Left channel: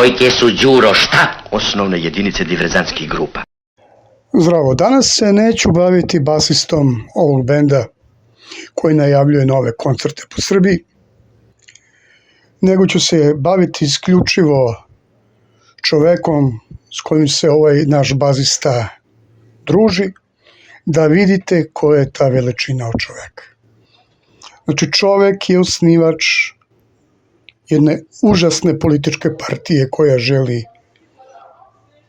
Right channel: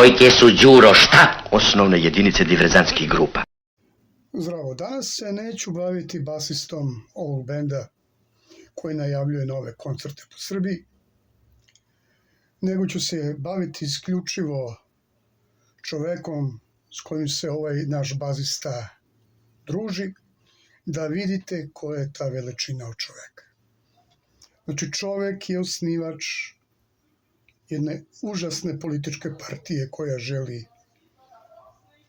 Poiché su Đuro šta? Osnovne jedinice diverzantskih grupa. Zdravo, danas se neću baviti basistom ovog benda koji najavljuje nove koncerte po Srbiji, nego ću se baviti isključivo čovekom s kojim se ovaj naš bazista druži, da vidite ko je ta veličina od čoveka. Znači, čovek je osnivač jedne užasne političke partije koja želi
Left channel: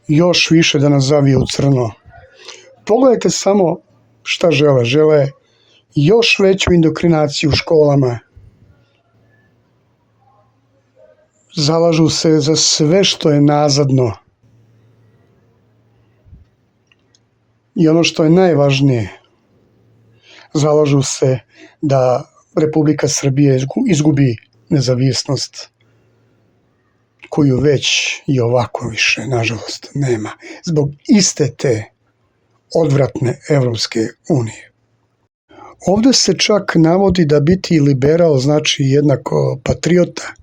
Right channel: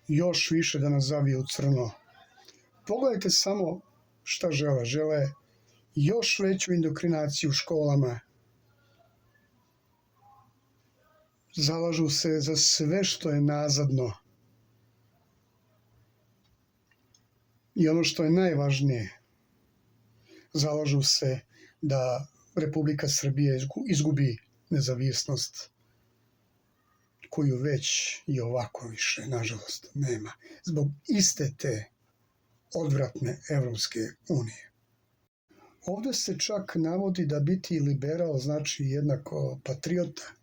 još više da nas zavije u crno. Pogledajte samo šta žele. Žele još veću indokrinaciju u školama. Zalažu se za sve što je nazadno. I ono što je najvažnije, zalažu se da Republika Srbija izgubi nezavisnost koju već i ovako više, nažalost, nema. Zbog iste te odvratne Evropske unije. Ovde se čak navodi da biti liberal znači jednako patriota.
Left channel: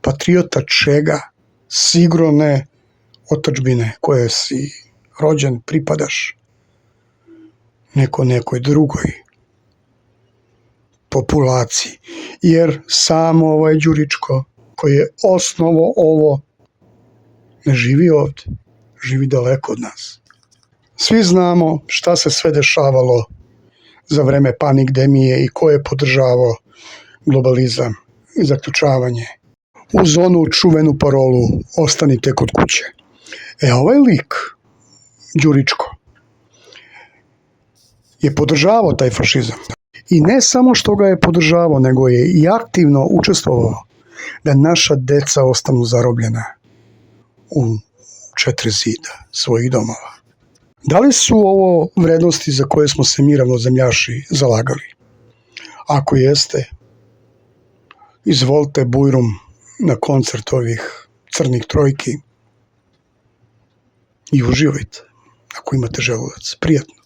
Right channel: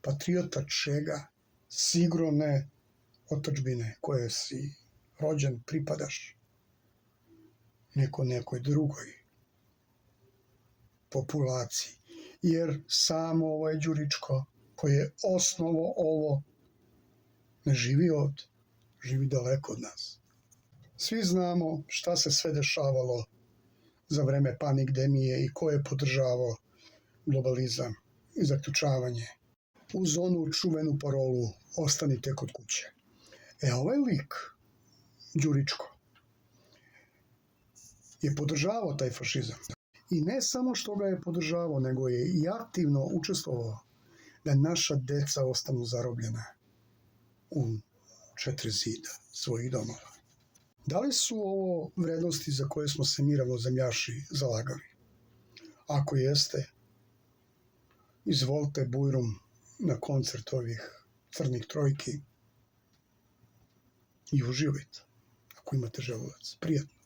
Patriota čega? Sigurno ne otadžbine koje si rođen, pripadaš nekoj drugoj populaciji. Jer samo ovaj Đuričko koji je osnovo ovo ne živi ovde, živi daleko od nas. Svi znamo šta se sve dešavalo za vreme pandemije i ko je podržavao globalizam i zaključavanje uz onu čuvenu parolu ostanite kod kuće. Ovaj lik, Đuričko, je podržavao taj fašizam. I ne samo što ga je podržavao, nego je i aktivno učestvovao da naša deca ostanu zarobljena u 4 zida svojih domova. Da li su ovo vrednosti za koje smo se mi ravnozemljaši zalagali? Ako jeste, izvolite bujrum na koncert ovih crnih trojki i uživajte, ako imate želudac. Prijatno.